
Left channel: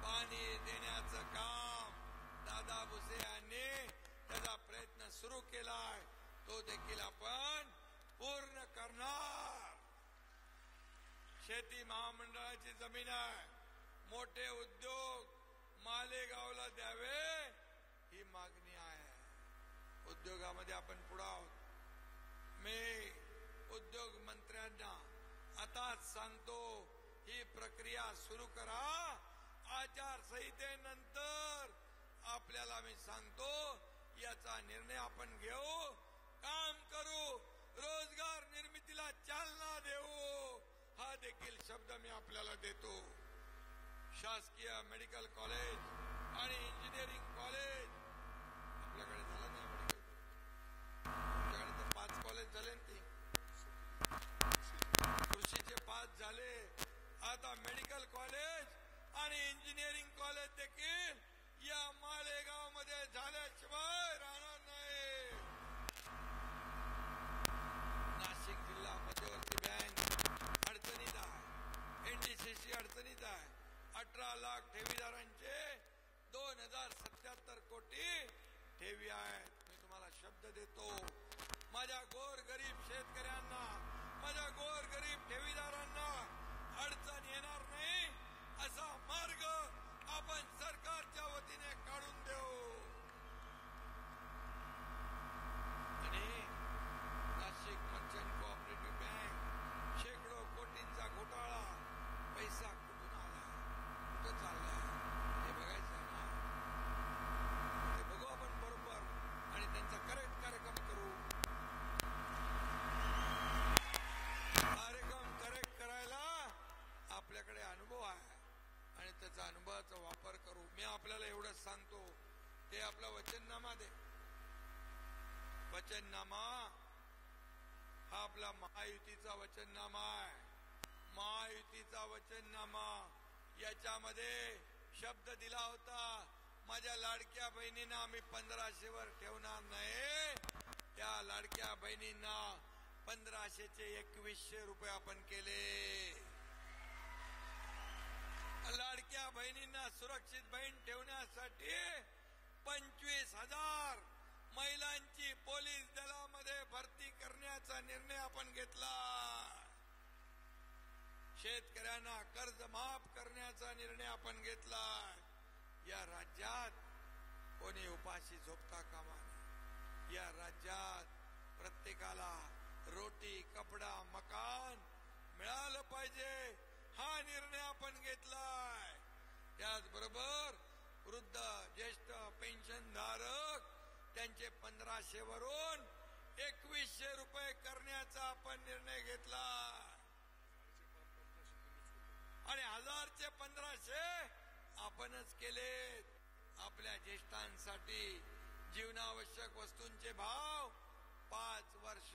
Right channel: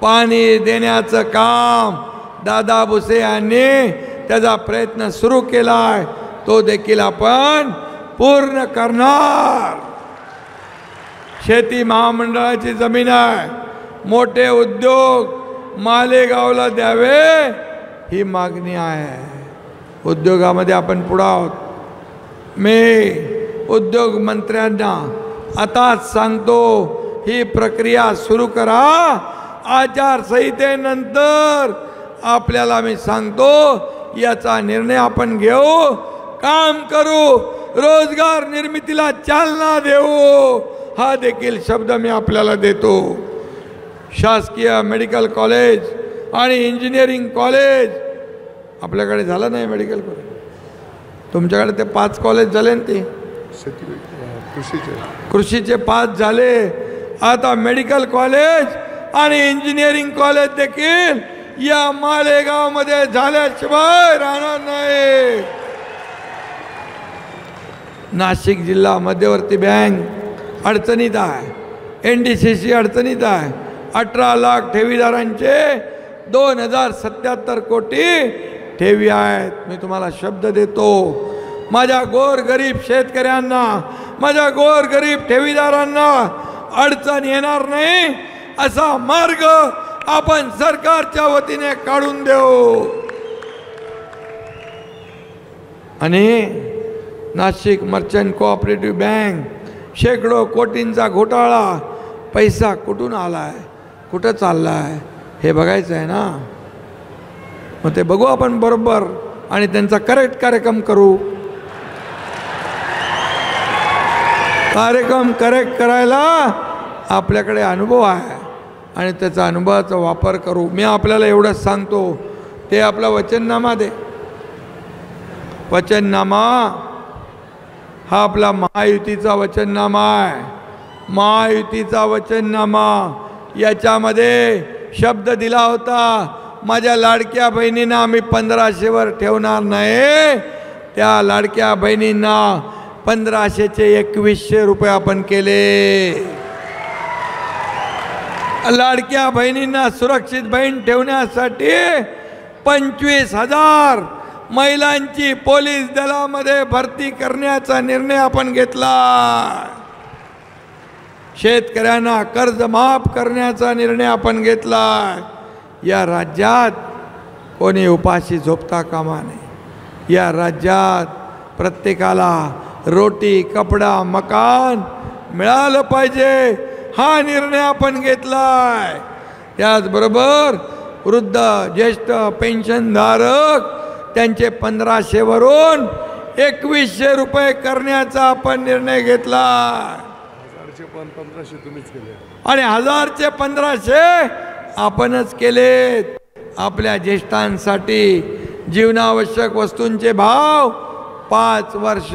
पाणी देण्याचं काम दादा भुसे यांनी त्याचा प्रयत्न सुरू केलाय, तो देखील आपण पूर्ण करणार. शेती महामंडळाची जमीन आहे, मोठे उद्योग मालेगावला द्यावे ही मागणी आहे. उद्योगामध्ये आपण पुढे आहोत. मी उद्योग मंत्र्यांना आताच सांगतो, ही प्रक्रिया सुरू करा. आचारसंहितेनंतर आपल्याला मी सांगतो याचा निर्णय आपण घेऊ, काम करू, रोजगार निर्मितीला चालना देऊ, हा देखील शब्द मी आपल्याला देतो. शासकीय मेडिकल कॉलेज आणि इंजिनिअरिंग कॉलेज आपल्याकडे झालं नाही. मेडिकल कॉलेज तुमच्याकडे ते 5 कॉलेज झाले ना, ते कृषीचे 5 झाले. आता मेडिकल कॉलेज आणि इंजिनिअरिंग कॉलेज देखील या मालेगाव मध्ये झाल्याशिवाय राहणार नाही. नाशिक जिल्हा मध्यवर्ती बँक अडचणीत आहे, NDCC अडचणीत आहे. 18 लाख ठेवीदारांचे 2077 कोटी ठेवी आहेत. मी तुम्हाला शब्द देतो, माझ्या गोरगरीब शेतकऱ्यांना, माझ्या गोरगरीब ठेवीदारांना अडचण येणार नाही असा मार्ग आपण सरकारच्या वतीने काढून देऊ. आणि नाशिक मर्चंट कोऑपरेटिव्ह बँक शेकडो कोटींचा घोटाळा, पैसा कुठून आलाय, कुठं चाललाय हे बघायचं आहे ना. मग ते बघू आपण बरोबर आणि त्यांचा करेक्ट कार्यक्रम करू. कार्यक्रम करेक्ट करायला आपल्याकडे अनुभव आहे आणि त्याचा अनुभवाचा वापर करू. मी आपल्याला एवढंच सांगतो, ते आपला वचननामा दे. वचननामा हा आपला महायुतीचा वचननामा आहे. महायुतीचा वचननामा याच्यामध्ये शब्द दिला होता, माझ्या लाडक्या बहिणींना आम्ही 1500वर ठेवणार नाही. त्या लाडक्या बहिणींना 1500चे 2100 रुपये आपण केले. लाडक्या बहिणींना सुरक्षित बहीण ठेवण्यासाठी 25,000 महिलांची पोलीस दलामध्ये भरती करण्याचा निर्णय आपण घेतला. शेतकऱ्यांना कर्ज माफ करण्याचा निर्णय आपण घेतला. या राज्यात कोणी उपाशी झोपता कामा नये. या राज्यात प्रत्येकाला रोटी, कपडा, मकान मिळालं पाहिजे, हा निर्णय आपण घेतलाय. त्याचबरोबर वृद्ध, ज्येष्ठ पेन्शनधारक त्यांचे 1500वरून 2100 रुपये करण्याचा आपण निर्णय घेतला. आणि 1000चे 1500 आपणच केलेत. आपल्या ज्येष्ठांसाठी जीवनावश्यक वस्तूंचे भाव 5 वर्ष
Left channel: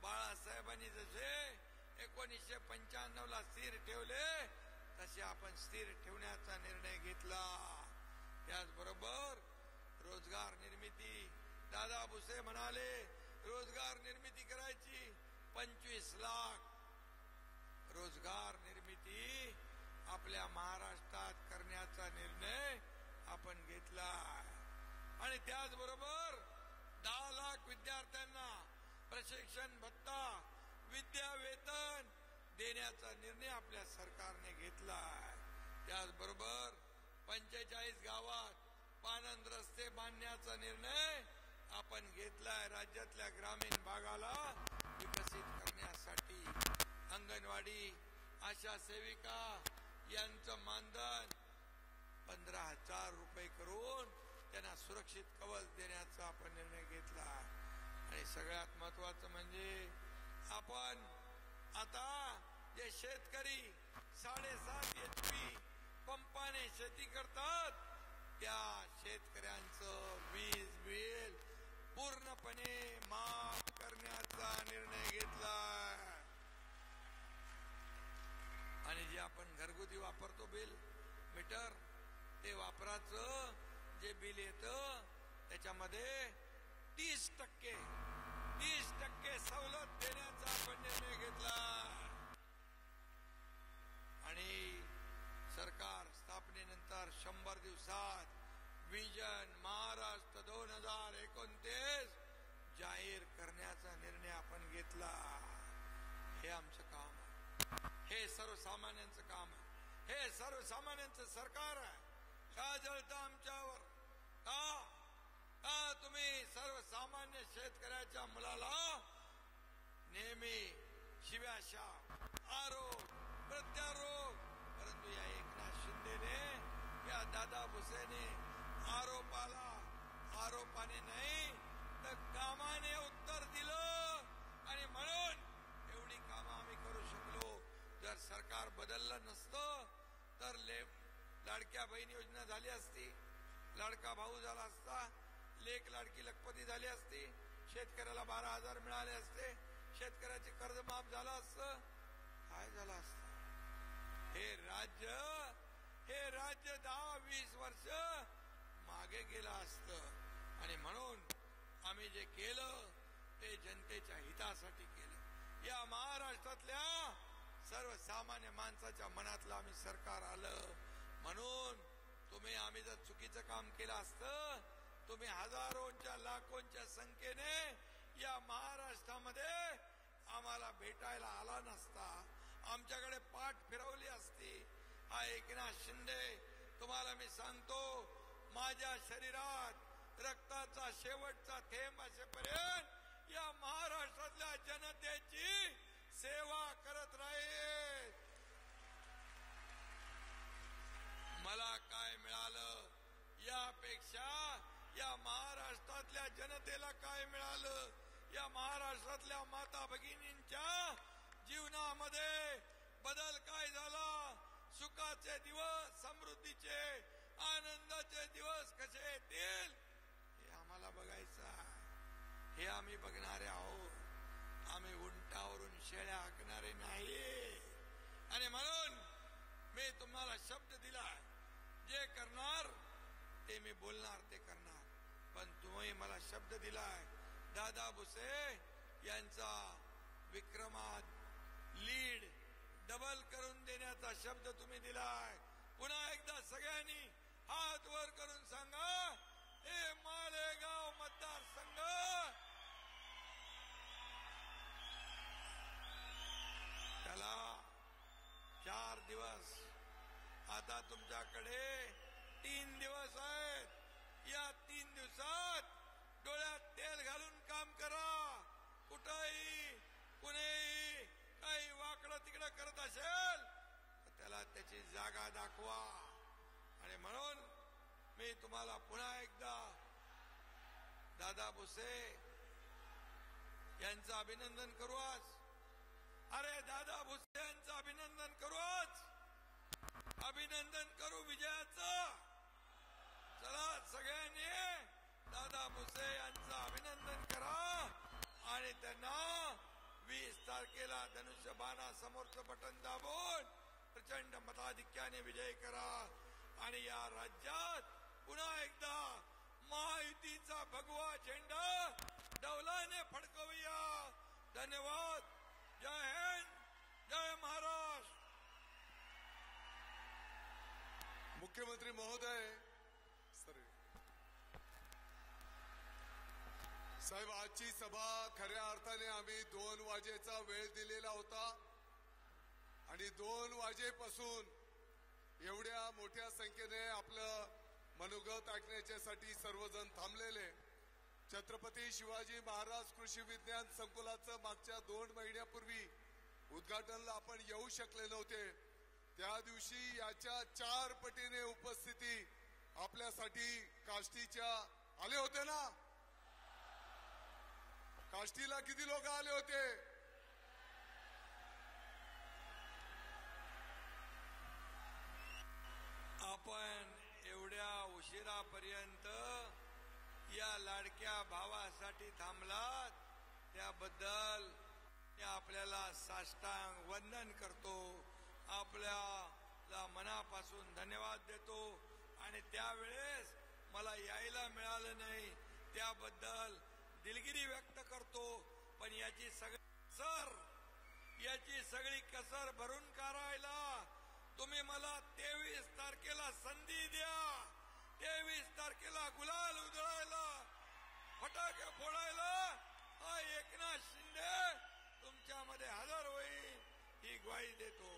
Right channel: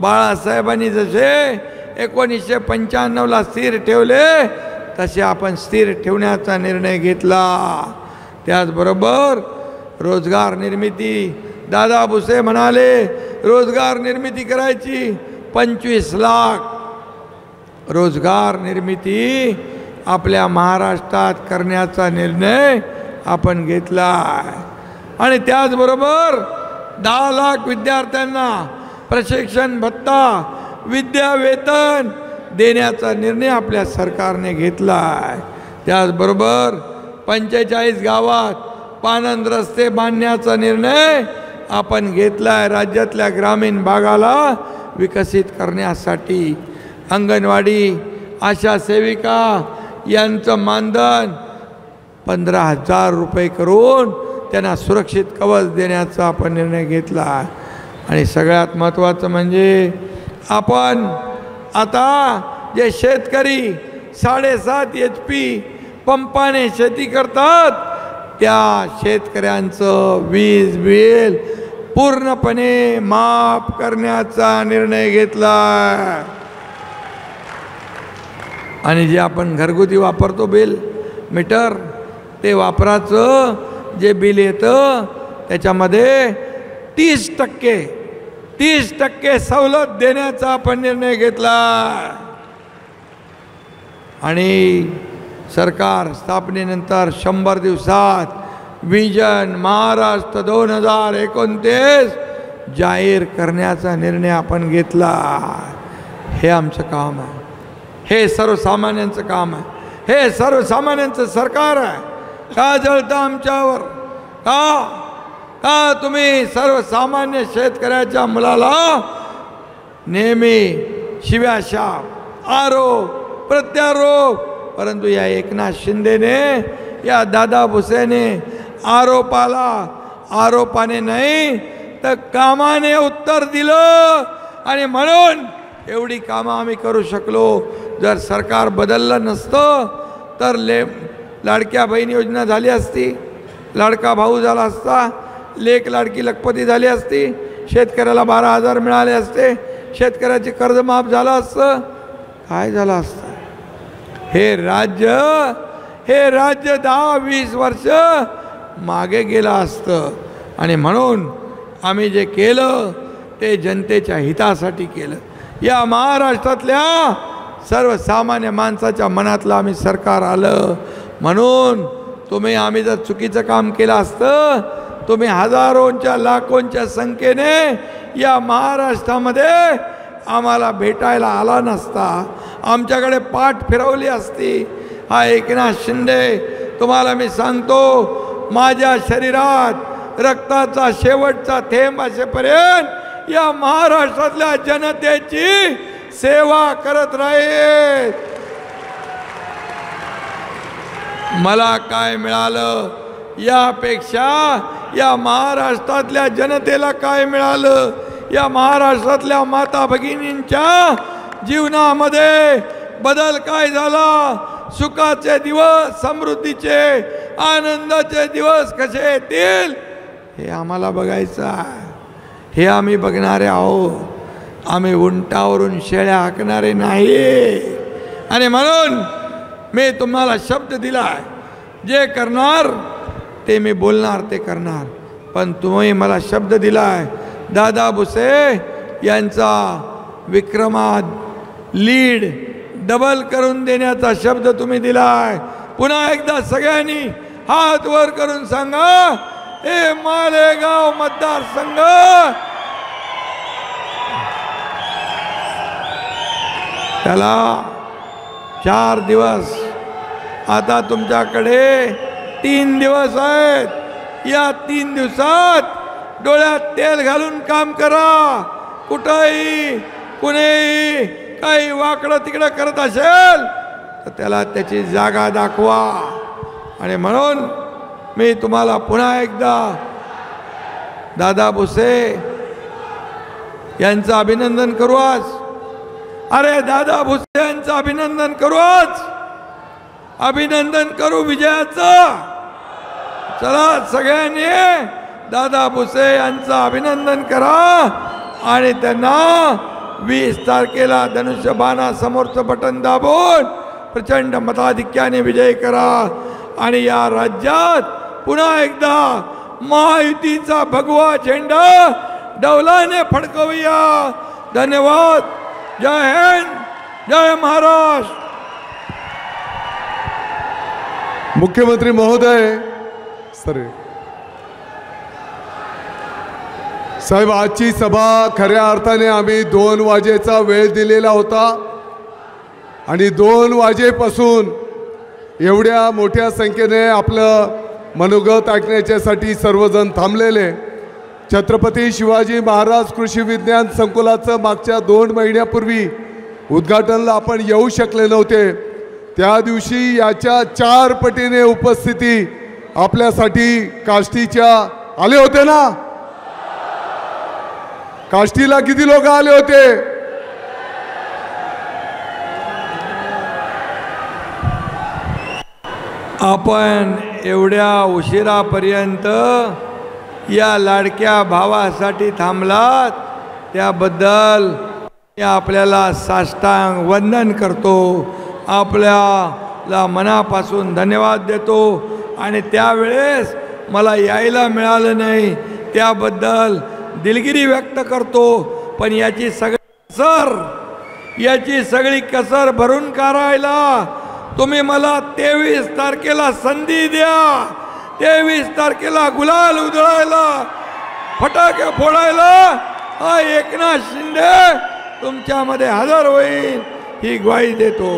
बाळासाहेबांनी जसे 1995ला स्थिर ठेवले तसे आपण स्थिर ठेवण्याचा निर्णय घेतला. त्याचबरोबर रोजगार निर्मिती, दादा भुसे म्हणाले रोजगार निर्मिती करायची, 25 लाख रोजगार निर्मिती आपल्या महाराष्ट्रात करण्याचा निर्णय आपण घेतला. आणि त्याचबरोबर 10 लाख विद्यार्थ्यांना प्रशिक्षण भत्ता, विद्या वेतन देण्याचा निर्णय आपल्या सरकारने घेतला आहे. त्याचबरोबर 45 गावात पाणंद रस्ते बांधण्याचा निर्णय आपण घेतला आहे. राज्यातल्या ग्रामीण भागाला विकसित करण्यासाठी अंगणवाडी, आशा सेविका यांचं मानधन 15,000 रुपये करून त्यांना सुरक्षित कवच देण्याचा आपण निर्णय घेतला। आणि सगळ्यात महत्त्वाचं म्हणजे आपण आता जे शेतकरी 7.5 HP पंपाने शेती करतात त्या शेतकऱ्यांचं वीज बिल पूर्णपणे माफ करण्याचा निर्णय घेतला। आणि जे आपण घरगुती वापरतो बिल मीटर ते वापराचं जे बिल येतं त्याच्यामध्ये 30% सवलत देण्याचा आपण निर्णय घेतला। आणि सरकार स्थापनेनंतर 100 दिवसात विजन महाराष्ट्र 2029 जाहीर करण्याचा निर्णय आपण घेतला। हे आमचं काम आहे, हे सर्वसामान्यांचं काम आहे, हे सर्वसामान्यांचं सरकार आहे। का जळता आमच्यावर? का तुम्ही सर्वसामान्य शेतकऱ्याच्या मुलाला नेहमी शिव्याशाप आरोप प्रत्यारोप, परंतु या एकनाथ शिंदेने या दादा भुसेने आरोपाने नाही तर कामाने उत्तर दिलं। आणि म्हणून एवढी कामं आम्ही करू शकलो। जर सरकार बदललं नसतं तर लाडक्या बहीण योजना झाली असती, लाडका भाऊ झाला असता, लेक लाडकी लखपती झाली असती, शेतकऱ्याला 12,000 मिळाले असते, शेतकऱ्याचे कर्ज माफ झालं असतं, काय झालं असतं? हे राज्य 10-20 वर्ष मागे गेलं असतं। आणि म्हणून आम्ही जे केलं ते जनतेच्या हितासाठी केलं। या महाराष्ट्रातल्या सर्वसामान्य माणसाच्या मनातलं आम्ही सरकार आलं। म्हणून आम्ही जर चुकीचं काम केलं असतं, तुम्ही हजारोंच्या लाखोंच्या संख्येने या महाराष्ट्रामध्ये आम्हाला भेटायला आला नसता, आमच्याकडे पाठ फिरवली असती। हा एकनाथ शिंदे, तुम्हाला मी सांगतो, माझ्या शरीरात रक्ताचा शेवटचा थेंब असेपर्यंत या महाराष्ट्रातल्या जनतेची सेवा करत राहील। मला काय मिळालं यापेक्षा या महाराष्ट्रातल्या जनतेला काय मिळालं, या महाराष्ट्रातल्या माता भगिनींच्या जीवनामध्ये बदल काय झाला, सुखाचे दिवस, समृद्धीचे आनंदाचे दिवस कसे येतील हे आम्हाला बघायचं आहे। हे आम्ही बघणारे आहोत। आम्ही उंटावरून शेळ्या हाकणारे नाही। आणि म्हणून मी तुम्हाला शब्द दिलाय, जे करणार ते मी बोलणार ते करणार। पण तुम्ही मला शब्द दिलाय, दादा भुसे यांचा विक्रमात लीड डबल करून देण्याचा शब्द तुम्ही दिलाय। पुन्हा एकदा सगळ्यांनी हात वर करून सांगा, हे मालेगाव मतदारसंघ त्याला 4 दिवस, आता तुमच्याकडे 3 दिवस आहेत। या 3 दिवसात डोळ्यात तेल घालून काम करा। कुठेही कुणीही काही वाकडं तिकडं करत असेल तर त्याला त्याची जागा दाखवा। आणि म्हणून मी तुम्हाला पुन्हा एकदा दादा भुसे यांचं अभिनंदन करू आज। अरे दादा भुसे यांचं अभिनंदन करू आज, अभिनंदन करू विजयाचं। चला सगळ्यांनी दादा भुसे यांचं अभिनंदन करा आणि त्यांना 20 तारखेला धनुष्यबाणा समोरचं बटन दाबून प्रचंड मताधिक्याने विजय करा। आणि या राज्यात पुन्हा एकदा महायुतीचा भगवा झेंडा डौलाने फडकवूया। धन्यवाद। जय हिंद, जय महाराष्ट्र। मुख्यमंत्री महोदय, साहेब, आजची सभा खऱ्या अर्थाने आम्ही 2 वाजेचा वेळ दिलेला होता आणि 2 वाजेपासून एवढ्या मोठ्या संख्येने आपलं मनोगत ऐकण्यासाठी सर्वजण थांबलेले। छत्रपती शिवाजी महाराज कृषी विज्ञान संकुलाचं मागच्या 2 महिन्यापूर्वी उद्घाटनाला आपण येऊ शकले नव्हते, त्या दिवशी याच्या 4 पटीने उपस्थिती आपल्यासाठी काष्टीच्या आले होते ना? काष्टीला किती लोक आले होते? आपण एवढ्या उशिरापर्यंत या लाडक्या भावासाठी थांबलात त्याबद्दल मी आपल्याला साष्टांग वंदन करतो, आपल्याला मनापासून धन्यवाद देतो। आणि त्यावेळेस मला यायला मिळालं नाही त्याबद्दल दिलगिरी व्यक्त करतो, पण याची सगळी कसर भरून काढायला तुम्ही मला 23 तारखेला संधी द्या। 23 तारखेला गुलाल उधळायला, फटाके फोडायला हा एकनाथ शिंदे तुमच्यामध्ये हजर होईल ही ग्वाही देतो।